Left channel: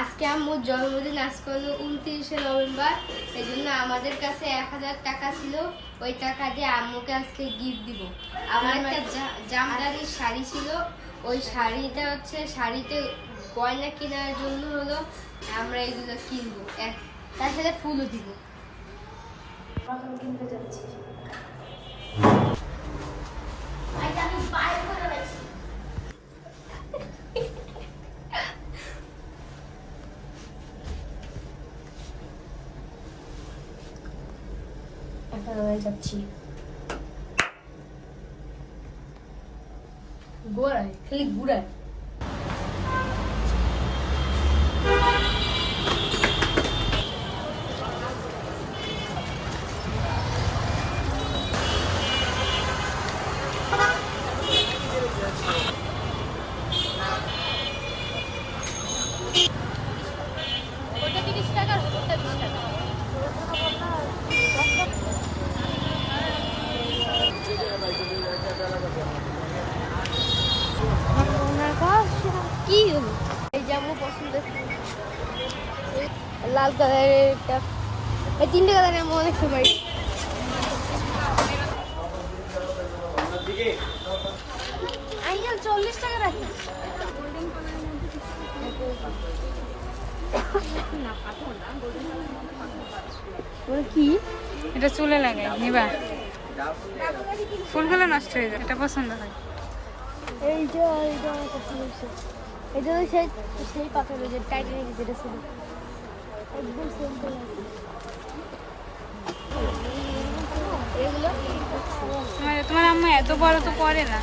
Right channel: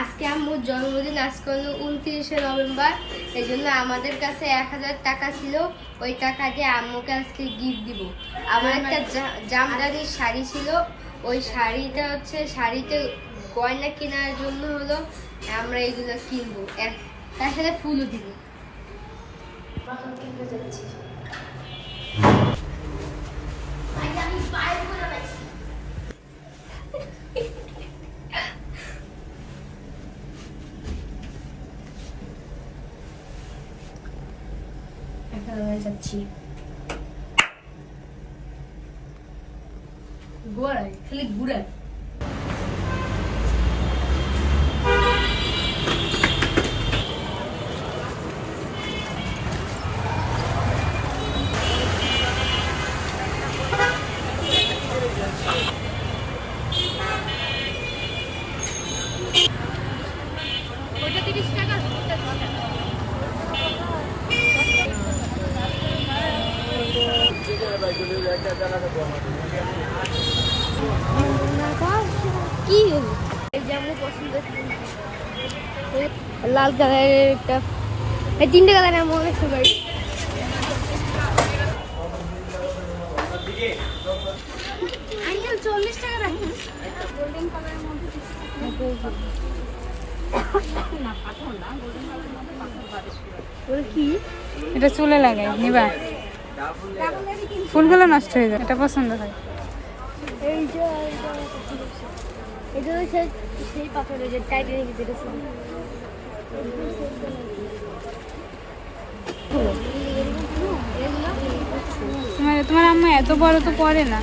আজকে আম্মুর জন্মদিন, আজকে হলো 29শে নভেম্বর। এই জন্য আমাদের কাছে 1000 টাকা ছিল। ওই টাকা দিয়ে আম্মুকে আজকে গিফট দিব। আমার একটা জামদানির শাড়ি ছিল, ওই শাড়িটা হচ্ছে শাড়িতে গয়না কেনার জন্য হলো আমরা এগুলো কিনবো, তার সাথে ফুলও দিব। কিনতে যাচ্ছি। যাচ্ছি গোড়ায়, খালি গুড়ায়। ওটা 30 টাকা। কি হলো? এই যে আমার পছন্দ লাল কালারের, এই 3টে কালার আমার অনেক সবাই। আঙ্কেল 40 টাকা রাখি। গোল্ডেন কালারের মধ্যে কি এটা চুলে লাগাই নিবা, ফুলগুলো নষ্ট হয়ে যায়। এটা পছন্দ হয়। এই যে এটা সেই পাথরের যে টাইটের ভিতরে ছিল। তোমার আম্মা এত বড় তো পরে না।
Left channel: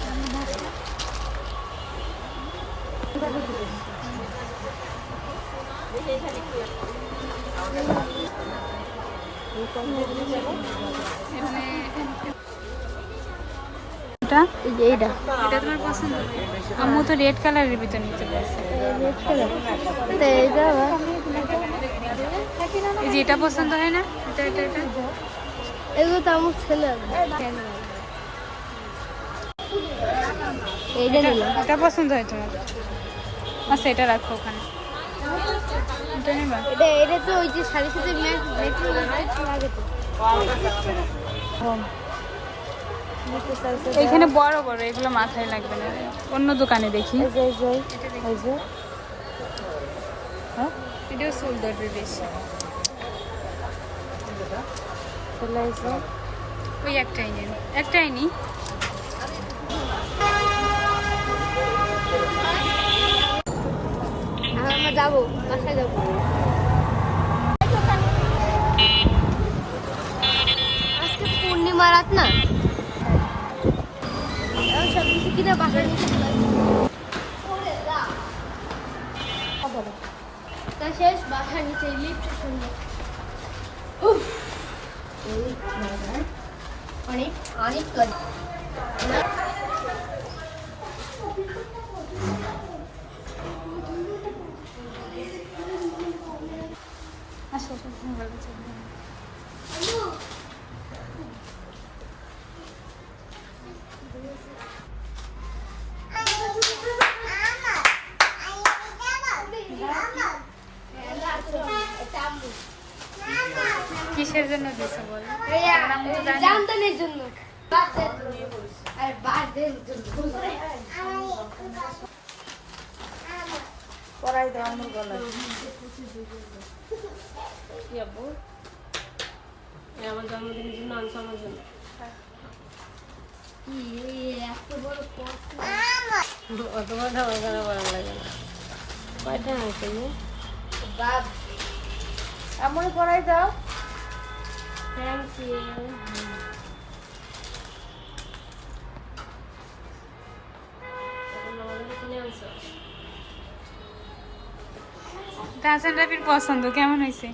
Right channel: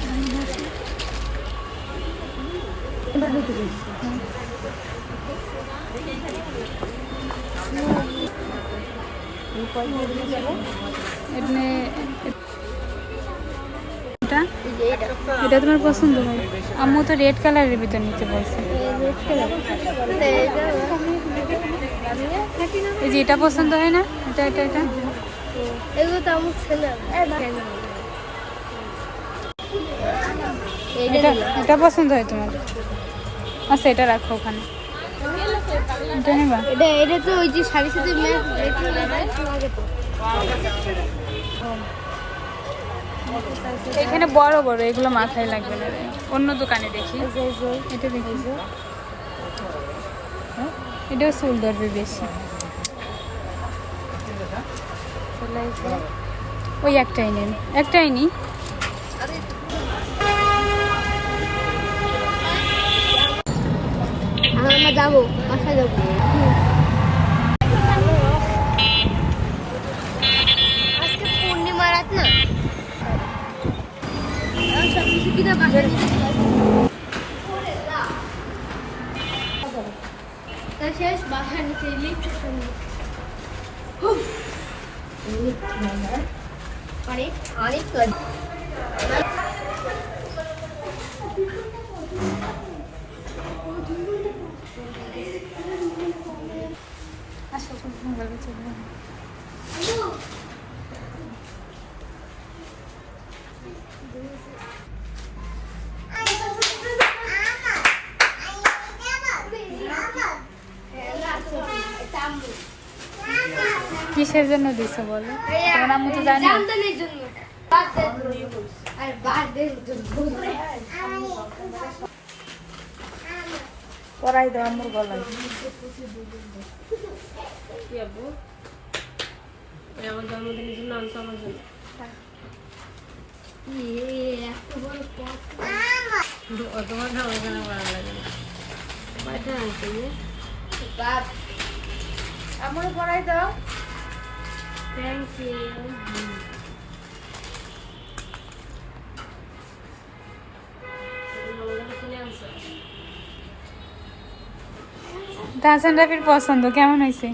এটা তোমার পছন্দ হয়? আম্মু তো রেড কালারের ভিতর নিতে বলছে। এই যে এটা পছন্দ হয় না? এটা এটা এটা এগুলো তো আমার ছেলে। এটা পছন্দ হয় তোমার? আচ্ছা এটা রাখো ওখানে। এটা নেবা? এটা তো ওই যে শাড়ির সাথে ম্যাচ লাগে তো। এইখানে বড় বড়, এগুলো মাথায় লাগবে না। অন্য দোকানে দেখি। এটা দেখি, এটাও চুল ধরবে বেশি। ওই একটাই নেন, একটাই নি। আমরা যাবো, বাসায় যাবো। আজকে পূর্ণিমা রাত না, সব কিছু কিনে বাসায় শেষ। বাসার নিচে অনেক অনেক কিসের জন্য দিছো বলো? তোমার আম্মু তো জানে। পড়াই দাও আম্মু বলো। কি আব্বু? আমার জন্মদিনের জন্য আনছো আমার জন্য। এত বড় আম্মু পড়াই দাও। Thank you. হাসান রাফির পছন্দ কেমন হয়েছে?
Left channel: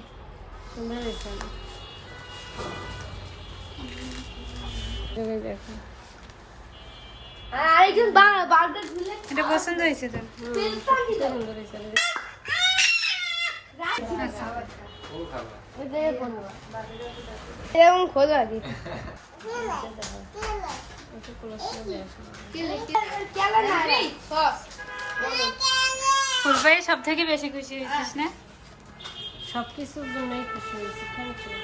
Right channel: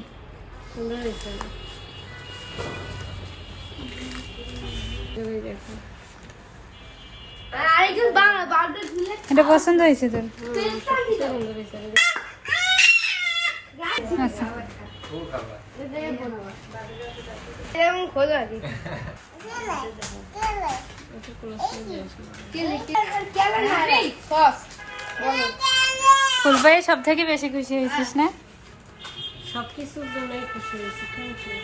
এটা পছন্দ হয়েছে তোর? আচ্ছা এরকম খোলা দি সস ফুল পেয়ে সব থেকে বেশি খুশি হয়েছিস না? সবকিছুর জন্যই খুশি হয়েছি। Thank you.